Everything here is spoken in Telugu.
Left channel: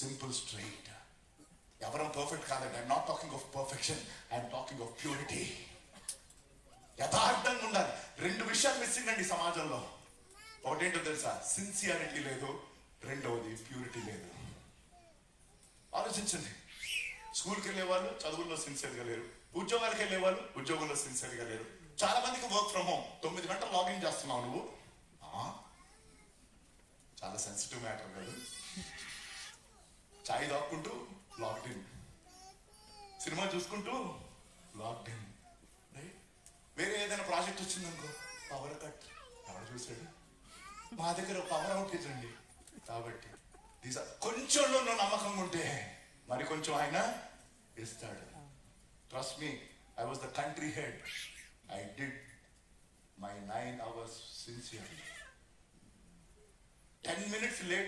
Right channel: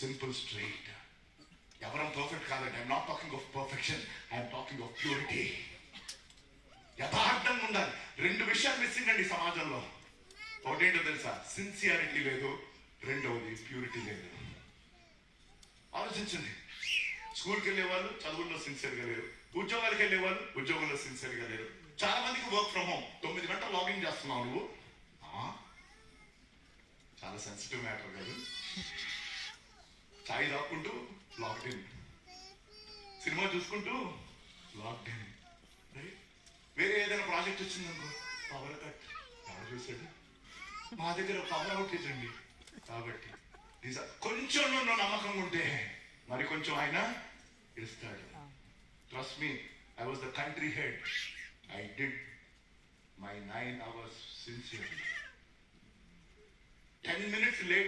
Simple straight. ఎవరం పర్ఫెక్ట్ కాదండి. I'm not talking of perfection, I'm talking of purity. యథార్థంగా ఉండాలి. రెండు విషయాలు మిస్సింగ్ అండి సమాజంలో. ఒకటేంటో తెలుసా? సిన్సియారిటీ లేదు, రెండవది ప్యూరిటీ లేదు. ఆలోచించండి. స్కూల్కి వెళ్ళే వాళ్ళు చదువుల్లో సిన్సియర్గా లేరు, ఉద్యోగాలకు వెళ్ళే వాళ్ళు ఉద్యోగంలో సిన్సియర్గా లేరు. చాలా మందికి వర్క్ ఫ్రమ్ హోమ్. 9 గంటలు లాగిన్ చేస్తున్నావు నువ్వు. చాలా సెన్సిటివ్ మ్యాటర్ కాదు. చాయ్ తాక్కుంటూ లాక్డౌన్, సినిమా చూసుకుంటూ లాక్డౌన్, రైట్? వేరే ఏదైనా ప్రాజెక్ట్ వచ్చిందనుకో, పవర్ కట్. ఎవరు చూసాడు? మా దగ్గర పవర్ అవుటేజ్ అండి. కాబట్టి కొంచెంలో నువ్వు నమ్మకంగా ఉంటే మరి కొంచెం ఆయన ఇస్తాడు. Trust me, I was the country head. I did my 9 hours sincerely. 10 minutes later